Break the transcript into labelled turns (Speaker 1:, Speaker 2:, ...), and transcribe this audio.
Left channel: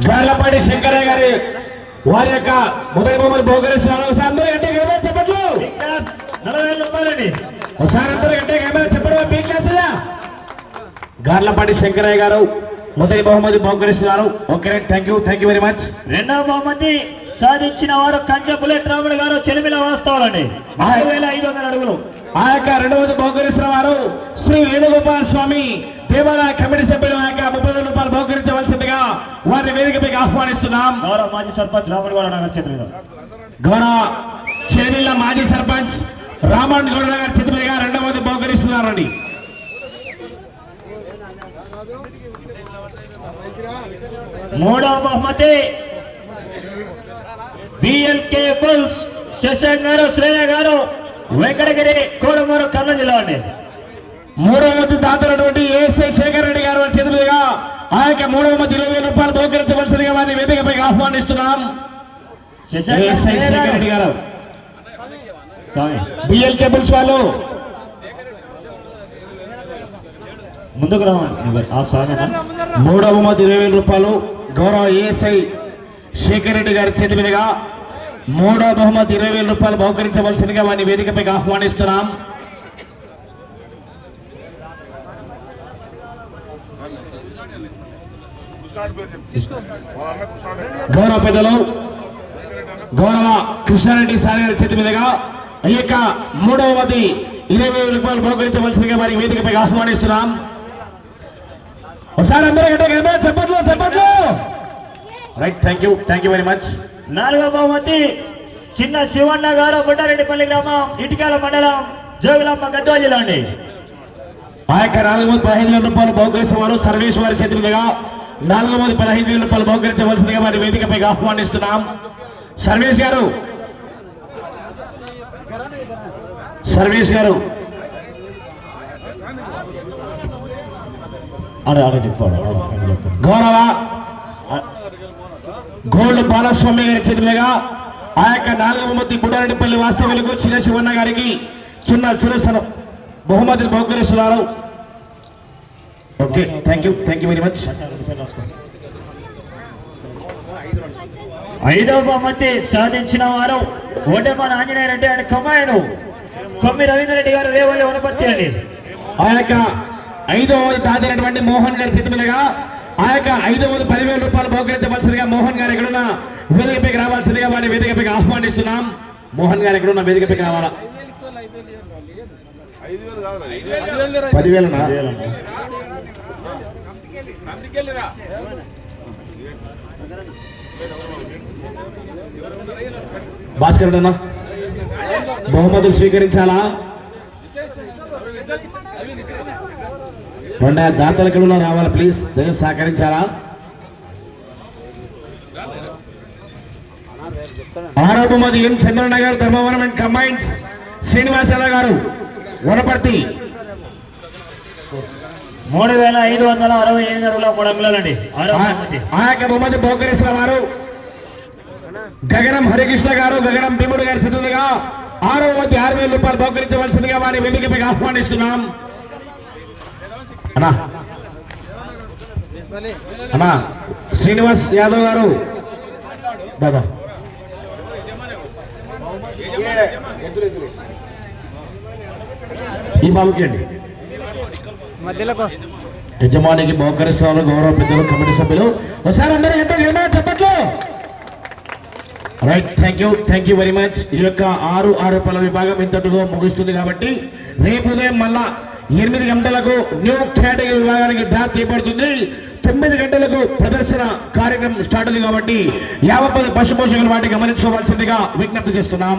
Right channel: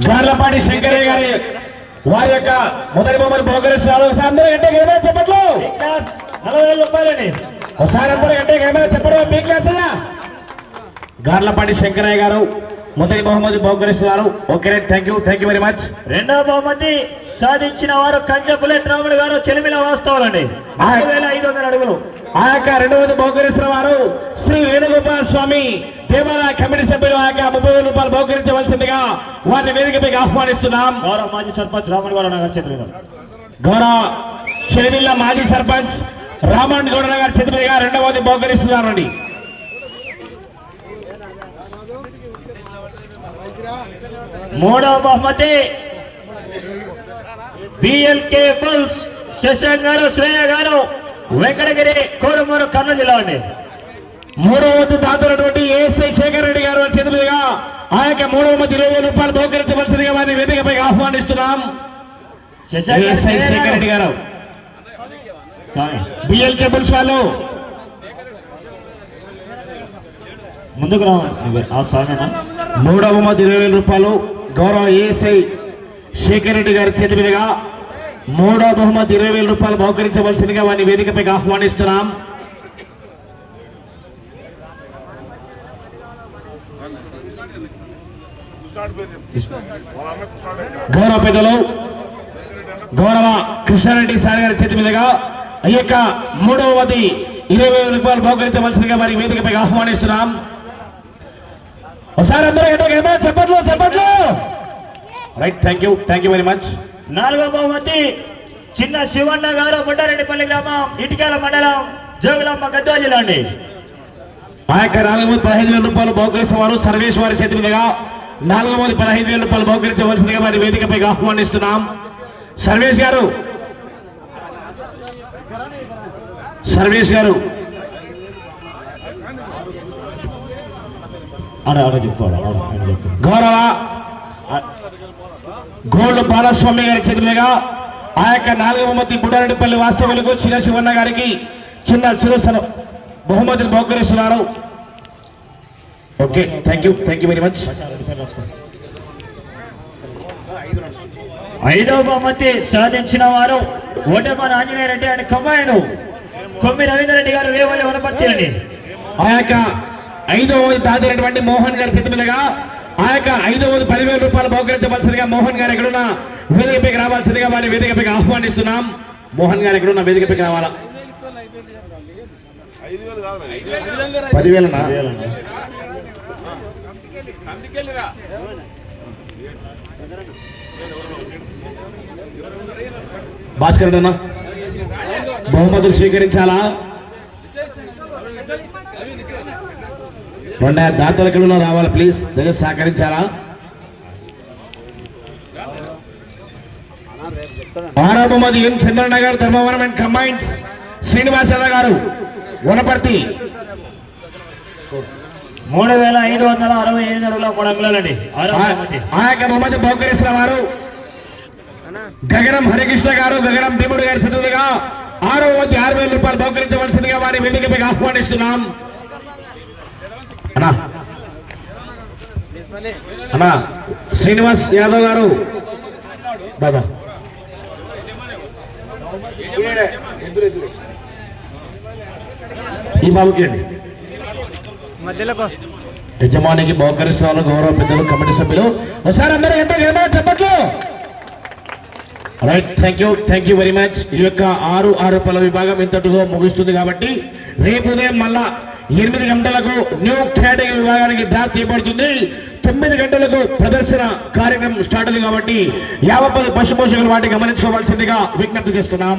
Speaker 1: జార్లపాటి శంకరయ్య గారి వారి యొక్క మొదటి బొమ్మలు బహుకరిస్తున్నారు ఒకసారి అందరూ గంటే ఏమైనా చెప్పట్లు
Speaker 2: నలభై వేల రూపాయలండి
Speaker 1: ఒకసారి అందరూ గంటే ఏమైనా చెప్పడం. మీకు నచ్చదా గార్లపాటి శంకరయ్య గారు మొదటి బహుమతి బహుకరిస్తున్నారు okay thank you thank you very much
Speaker 2: రెండవ బహుమతి సాధించిన వారు కంచె బుల్లెట్ రాముడు గారు చెలిమిల వాస్తవాలండి. నాలుగు వేల ఐదు వందల అడుగులు.
Speaker 1: ఆ యొక్క రెండవది బహుకరిస్తున్న వారు శ్రీ వేణుగోపాల స్వామి దేవాలయ కమిటీ సభ్యులు. ఆ యొక్క ముప్పై వేల రూపాయలు బహుకరించవలసిందిగా వారిని వేదికపైకి ఆహ్వానిస్తున్నాం.
Speaker 2: గౌరవ మాజీ సర్పంచ్ రాముడు గారు నగర్ చేతులు.
Speaker 1: గౌరవ చేనిల్ల మాజీ సర్పంచ్ రామన్ గౌడ గారి చేతి మీదుగా రెండవది బహుకరిస్తున్నారండి.
Speaker 2: మూడవ బహుమతి బిఎల్కే బుల్స్ శశాంక్ గారు శ్రేయ గారు వెంకటగిరి కోడుమూరు కర్నూలు జిల్లా అండి
Speaker 1: మూడవ వంతు దాతైనటువంటి ఏఎస్ఐ శేఖర్ రెడ్డి గారి వారి చేతి మీదుగా ఆ యొక్క మూడవ ఇరవై రూపాయలు బహుకరించవలసిందిగా వారిని వేదికపైకి ఆహ్వానిస్తున్నాం
Speaker 2: శశాంక్ గారు,
Speaker 1: ఏఎస్ఐ
Speaker 2: శ్రేయ
Speaker 1: శేఖర్ రెడ్డి
Speaker 2: గారు.
Speaker 1: బిఎల్ కేబుల్స్ వాళ్ళు
Speaker 2: ముందుకు రావాలి.
Speaker 1: మూడవ వంతు ఇరవై వేల రూపాయలు గౌరవ ఏఎస్ఐ శేఖర్ రెడ్డి గారి చేతి మీదుగా మూడవ బహుమతి ఇరవై వేల రూపాయలు బహుకరించవలసిందిగా వారిని వేదికపైకి ఆహ్వానిస్తున్నాం. గౌరవ పెద్దలు గౌరవ కృష్ణారెడ్డి సార్ గారి చేతి మీదుగా ఈ యొక్క మూడవది ఇరవై వేల రూపాయలు బహుకరించవలసిందిగా వారి వేదికపై ఆహ్వానిస్తున్నాం. ఒకసారి అందరూ గట్టిగా ఏమైనా చెప్పట్లు చెప్పట్లు right thank you thank you very much
Speaker 2: నాలుగవ బహుమతి చిన్న శివన్న గారు బుడ్డారెడ్డిపల్లి గ్రామం ఇటుకాల మండలం జోగులమ్మ గద్వాల జిల్లా అండి
Speaker 1: ఆ యొక్క నాలుగు మంది పదిహేను వేల రూపాయలు బహుకరించిన వారు సర్వేష్ వారి చేతి మీదుగా నాలుగు మంది పదహైదు వేల రూపాయలు బహుకరించవలసిందిగా వారి వేదికపై ఆహ్వానిస్తున్నాం. సర్వేష్ గారు. సర్వేష్ గారు. గౌరవ గోల్డ్ బాలస్వామి గారి చేతి మీదుగా ఆ యొక్క నాలుగవ బహుమతి బుడ్డారెడ్డిపల్లి వాస్తవులకు చిన్న శివన్న గారికి చిన్న శిరస్సును బహుమతిని బహుకరిస్తున్నారు. Okay thank you thank you very much
Speaker 2: ఐదవ బహుమతి సాధించిన వారు ఓటేమాన ఆంజనేయ రెడ్డి అని కొమ్మాయను కొమ్మి రవీంద్ర రెడ్డి గారు రేవల్లి వనపర్తి అండి.
Speaker 1: ఆ యొక్క ఐదవ దాదినటువంటి మోహన్ గారి చేతి మీదుగా ఆ యొక్క ఐదవ పదివేల రూపాయలు బహుకరించవలసిందిగా మోహన్ గారు ఎక్కడున్న వేదికపైకి రావాల్సిందిగా వారి వేదికపైకి ఆహ్వానిస్తున్నాం. మోహన్ గారు ఎక్కడున్న వేదికపైకి రావాలా? పదివేలు భాస్కర్ అన్న బహుమతులు స్వీకరించాలా? రెండ దాతల కిలో రావాలి ప్లీజ్ దగ్గర సహకరించాలా? ఆరో బహుమతి M Chandranagar Dharmavaram and combines Srinivasarao గారు వనపర్తి.
Speaker 2: మూడు వేల ఐదు వందల అరవై ఐదు అడుగుల మూడు బహుమతి
Speaker 1: ఆ యొక్క బహుమతి బహుకరిస్తున్న వారు గగనం హరికృష్ణ గారు గగనం భీముడు గారి చదువుగా ఆరో వంతు ఆరు వేల రూపాయలు బహుకరించవలసిందిగా వారి వేదికపై ఆహ్వానిస్తున్నాం. శ్రీనివాస్ యాదవ్ గారు. దాదా ఈ బాబుకి అండి. యజమానికి బహుకరిస్తున్నారు గౌరవ పెద్దలు కమిటీ సభ్యులు. ఒకసారి అందరూ ఎంత చెప్పట్లు. Right thank you thank you very much ఈ యొక్క ఆరు ఆరు పల విభాగం ఇంతటితో ముగుస్తుంది కాబట్టి రేపు ఉదయం మళ్ళా ఎనిమిది గంటలకు న్యూ కేటగిరీ విభాగానికి డ్రా చేయబడుతుంది. తొమ్మిది గంటలకు ప్రదర్శన కార్యక్రమం స్టార్ట్ అయింది కాబట్టి యాభై పది పశు పోషకులు వాటి గమనించుకోవాల్సిందిగా విజ్ఞప్తి చేస్తున్నాం.